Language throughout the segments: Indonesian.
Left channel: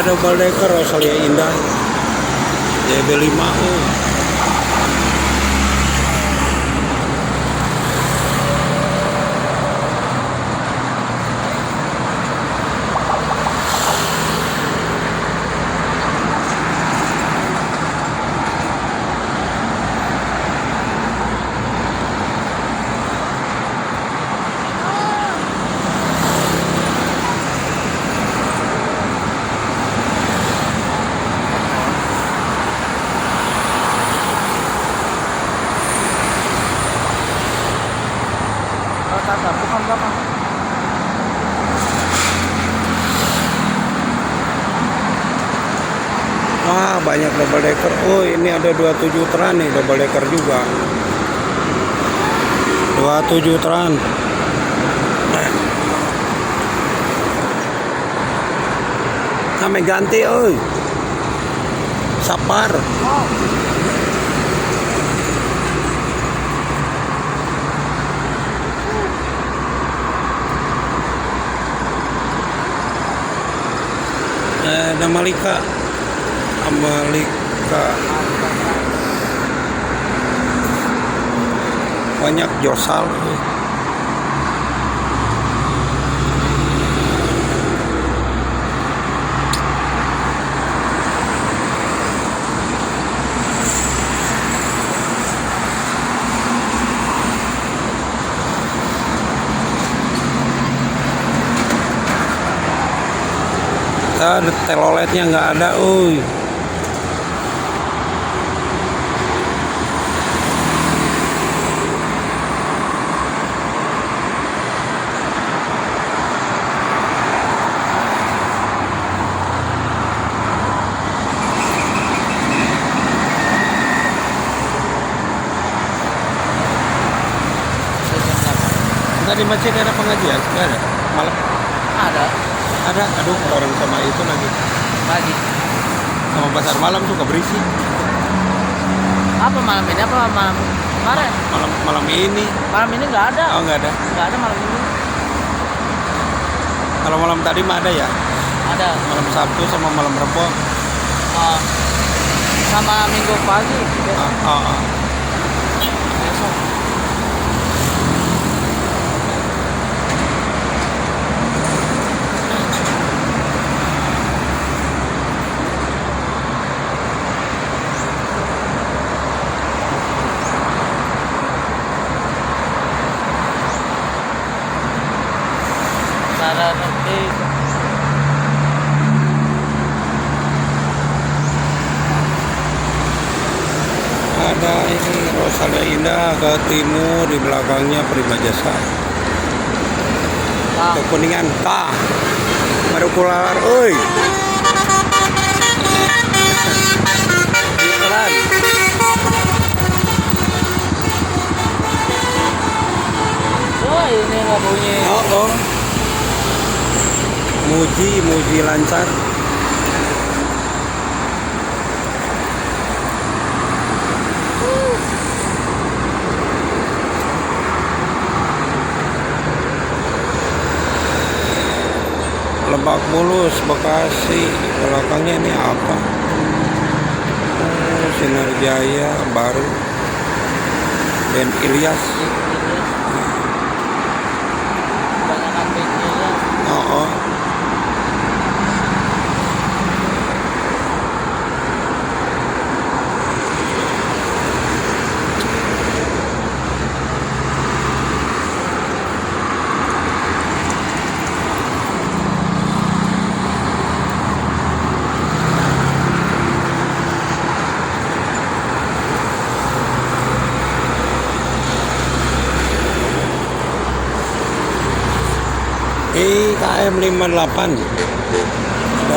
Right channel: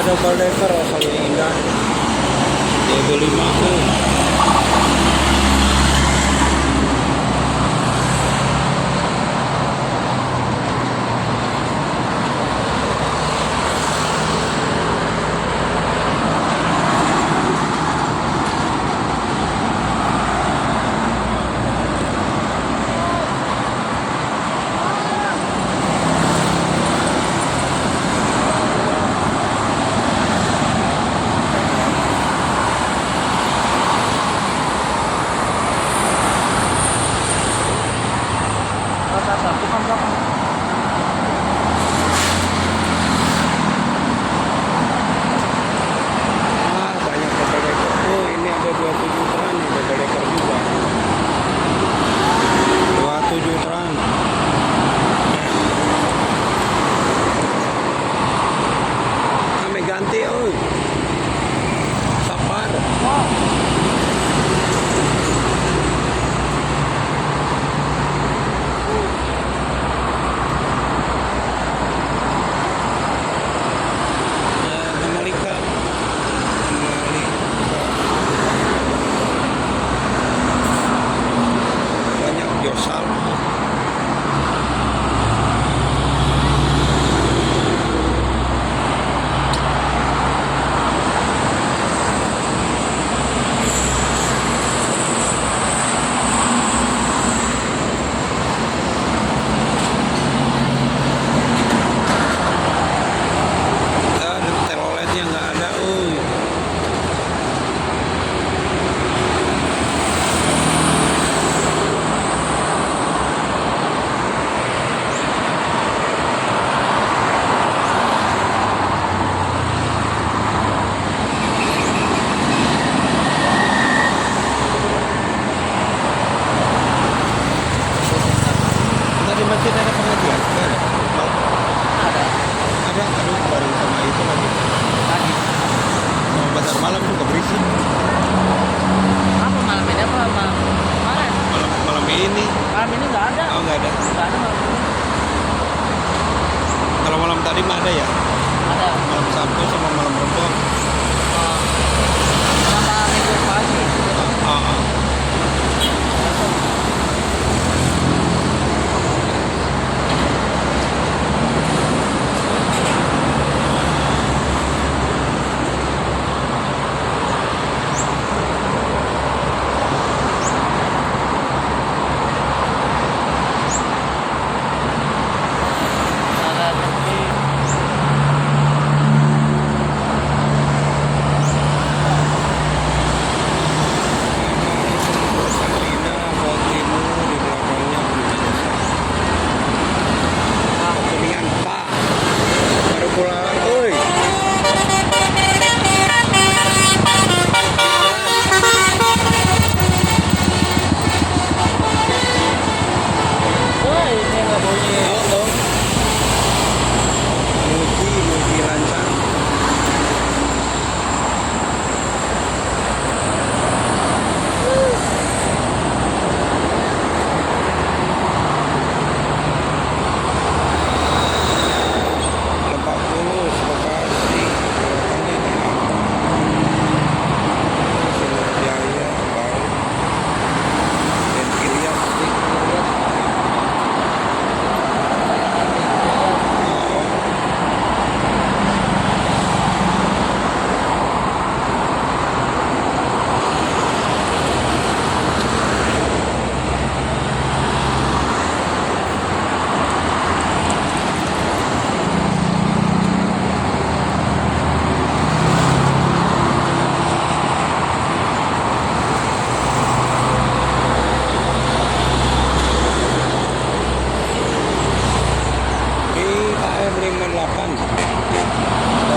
ada double decker Australia Indah DB5. Banyak double decker. Oh, ini ada 27 tran nih, double decker juga. 27 tran. Kami ganti, oi. Sapar. Malika. Banyak josal. Teloletnya nggak ada, Di masjid ada pengajian? Nggak ada? Malam? Ada? Aduh, bareng sama itu lagi. Sama pasar malam juga berisi. Apa malam ini? Apa malam kemarin? Malam ini. Malam ini nggak ada. Oh, nggak ada. Nggak ada malam ini. Kalau malam tadi mah ada ya? Ada. Malam Sabtu sama malam Rebo. Sama minggu pagi. Ke timur, di belakangnya Prima Jasa. Kuningan tak baru keluar, oi. Wah, ini nggak bunyi. Muji lancar. Lebak Bulus, Bekasi, belakangnya ini apa? Sinar Jaya baru, dan Ilyas. KM 58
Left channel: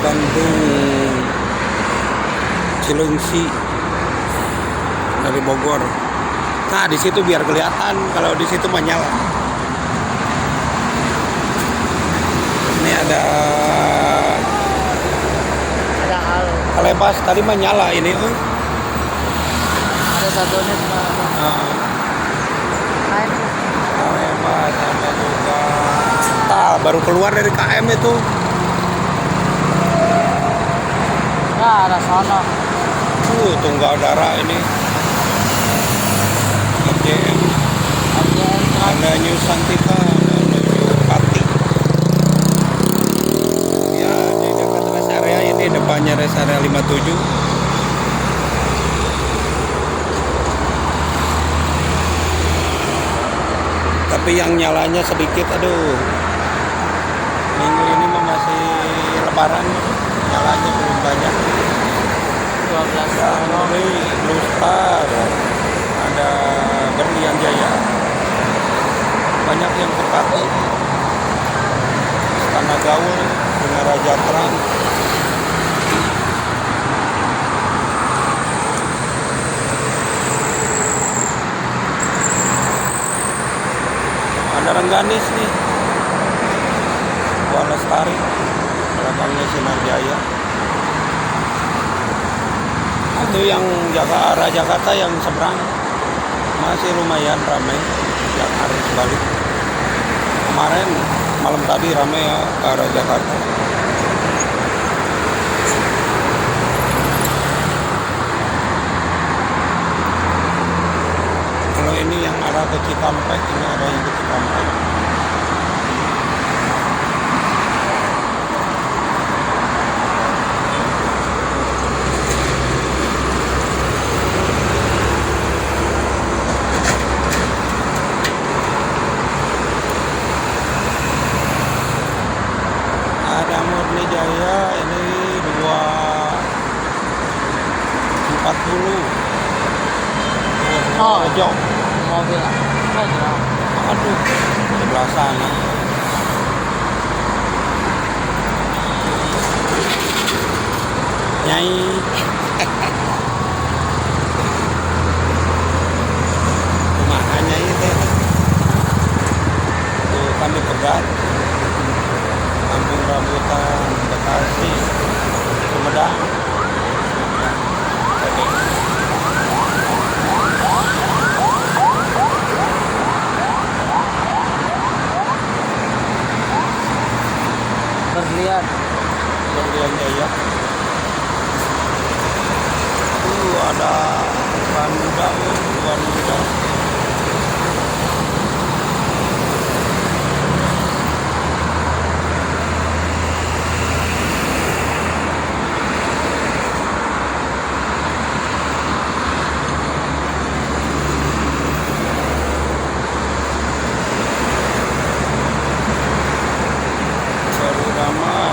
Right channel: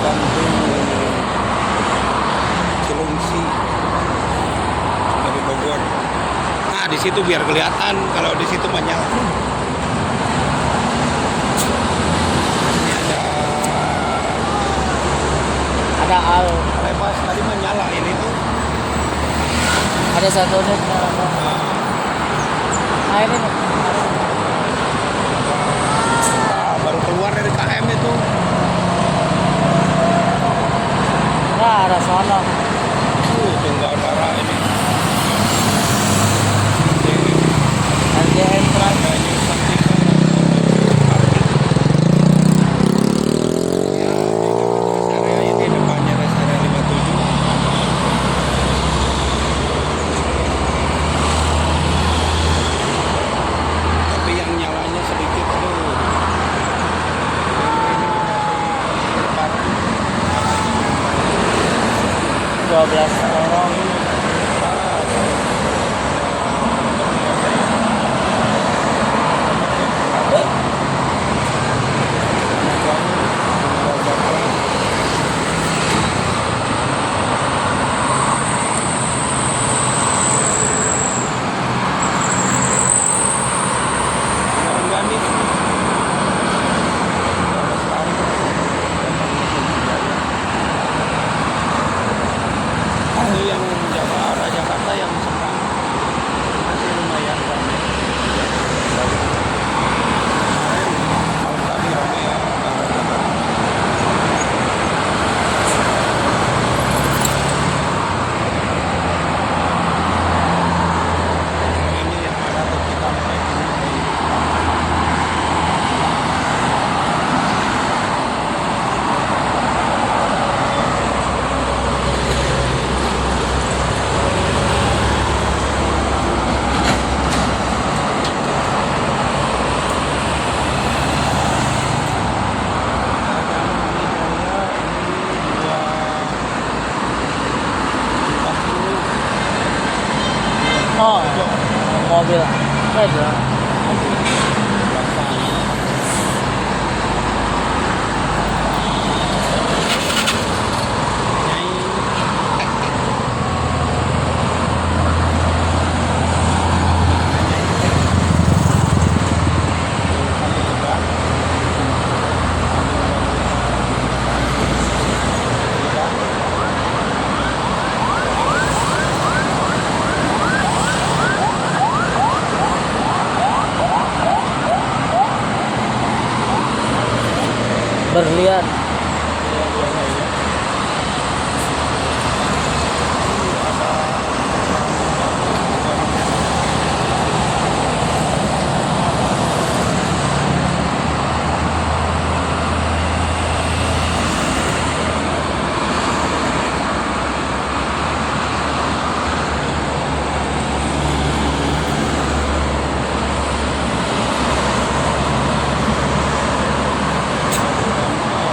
Bandung Cilungsi dari Bogor. Nah, di situ biar kelihatan, kalau di situ banyak. Ini ada hal. lepas tadi menyala ini tuh. Ada satu nih. Nah, ini baru keluar dari KM itu. Tapi yang nyalanya sedikit, aduh. Minggu ini mah masih lebaran, nyalanya belum banyak. 12 orang. Ini Lusta, ada Demian Jaya, banyak yang terkati. Tanah Gaul, Bunga Raja Terang. Ada Rengganis nih, Bang Lestari, Bangnya Sinar Jaya. Itu yang jaga arah Jakarta yang seberang masih lumayan ramai. Yang arah Bali. Kemarin malam tadi ramai ya ke arah Jakarta. Kalau ini yang arah ke Cikampek ini ada yang ada Murni Jaya ini 240 Oh, aja. mobil. Mobil. Rasanya Nyai makanya itu kami lebar ambil rambutan Bekasi Sumedang. Berlian. Kemudian ya ini ada rambutan selalu ramah,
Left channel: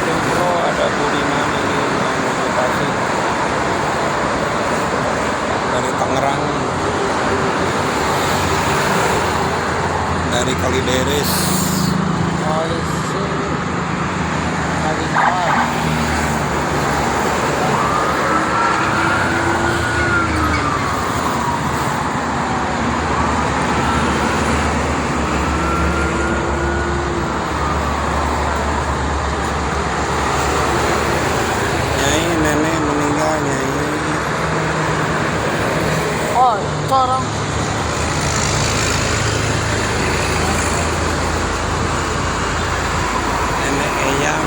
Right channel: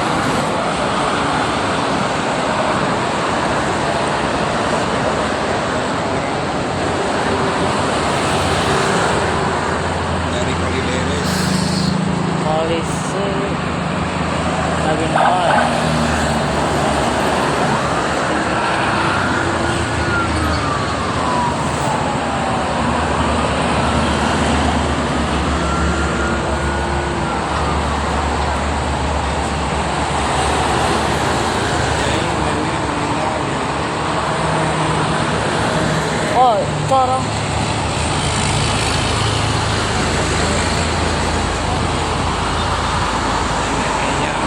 selalu ada Budiman dari Tangerang, dari Kalideres. Polisi. Lagi naik. Nyai nenek meninggal, Nyai. Oh, itu orang. Nenek Eyang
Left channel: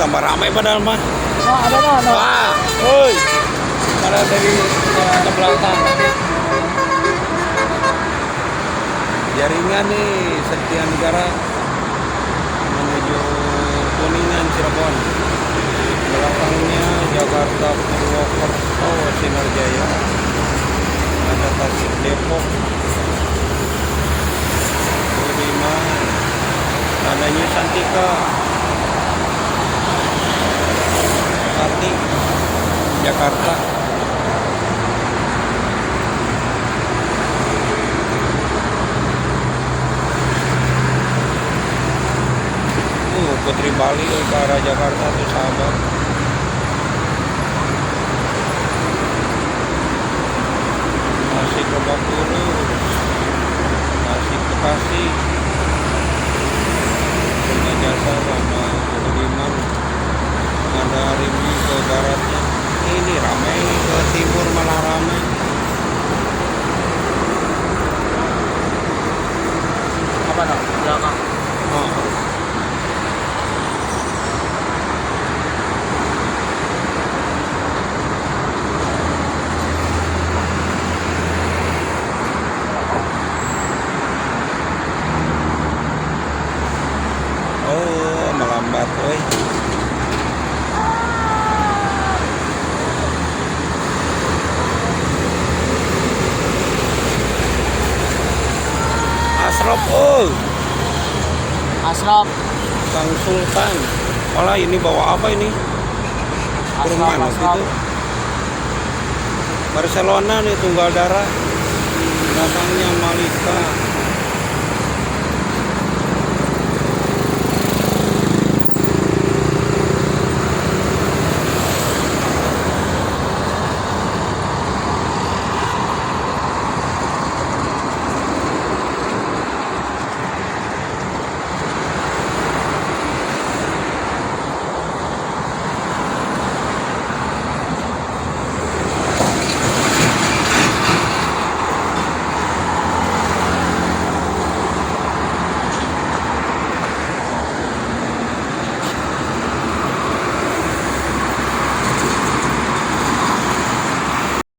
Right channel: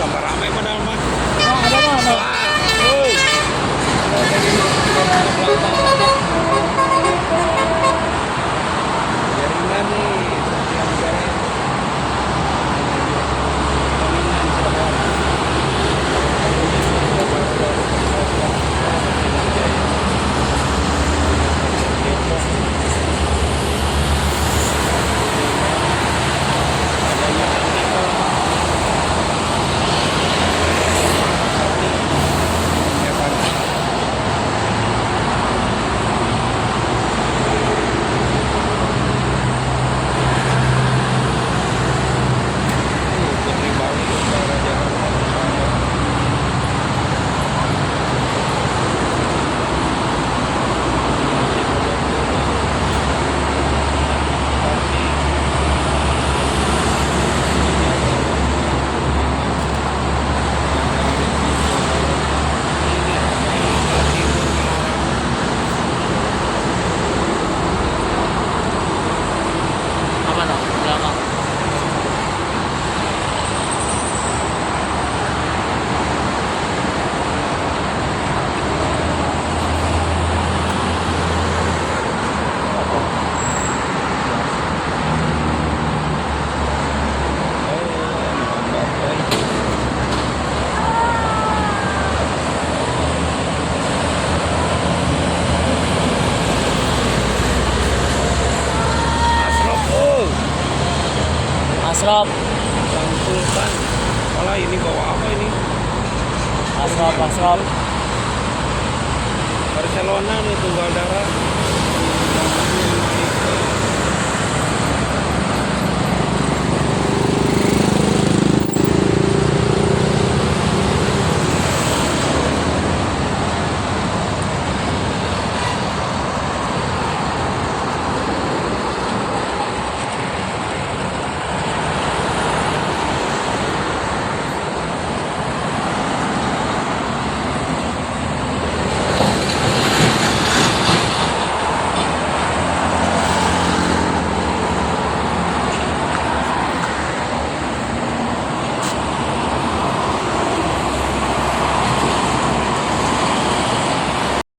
tambah ramai padahal mah. Oh, ada no, no. Wah, woi. Malah dari ke belakang. Jaringan nih Setia Negara menuju Kuningan Cirebon. Belakangnya Jakarta 12 Sinar Jaya. Ada Tasik Depok. Lima. Adanya Santika. Pati Jakarta. Putri Bali ke arah Jakarta terus ada masih Bogor, masih Bekasi, Jakarta, Lima, Mandalika ke barat. Ini ramai ke timur mana ramai. Apa no? Belakang. Melambat euy. Asrop Asrop. Bang Sultan. Alah ini bawa apa ini? Asrop, Rumah asrop. itu. Barcelona nih tunggal darah. Yang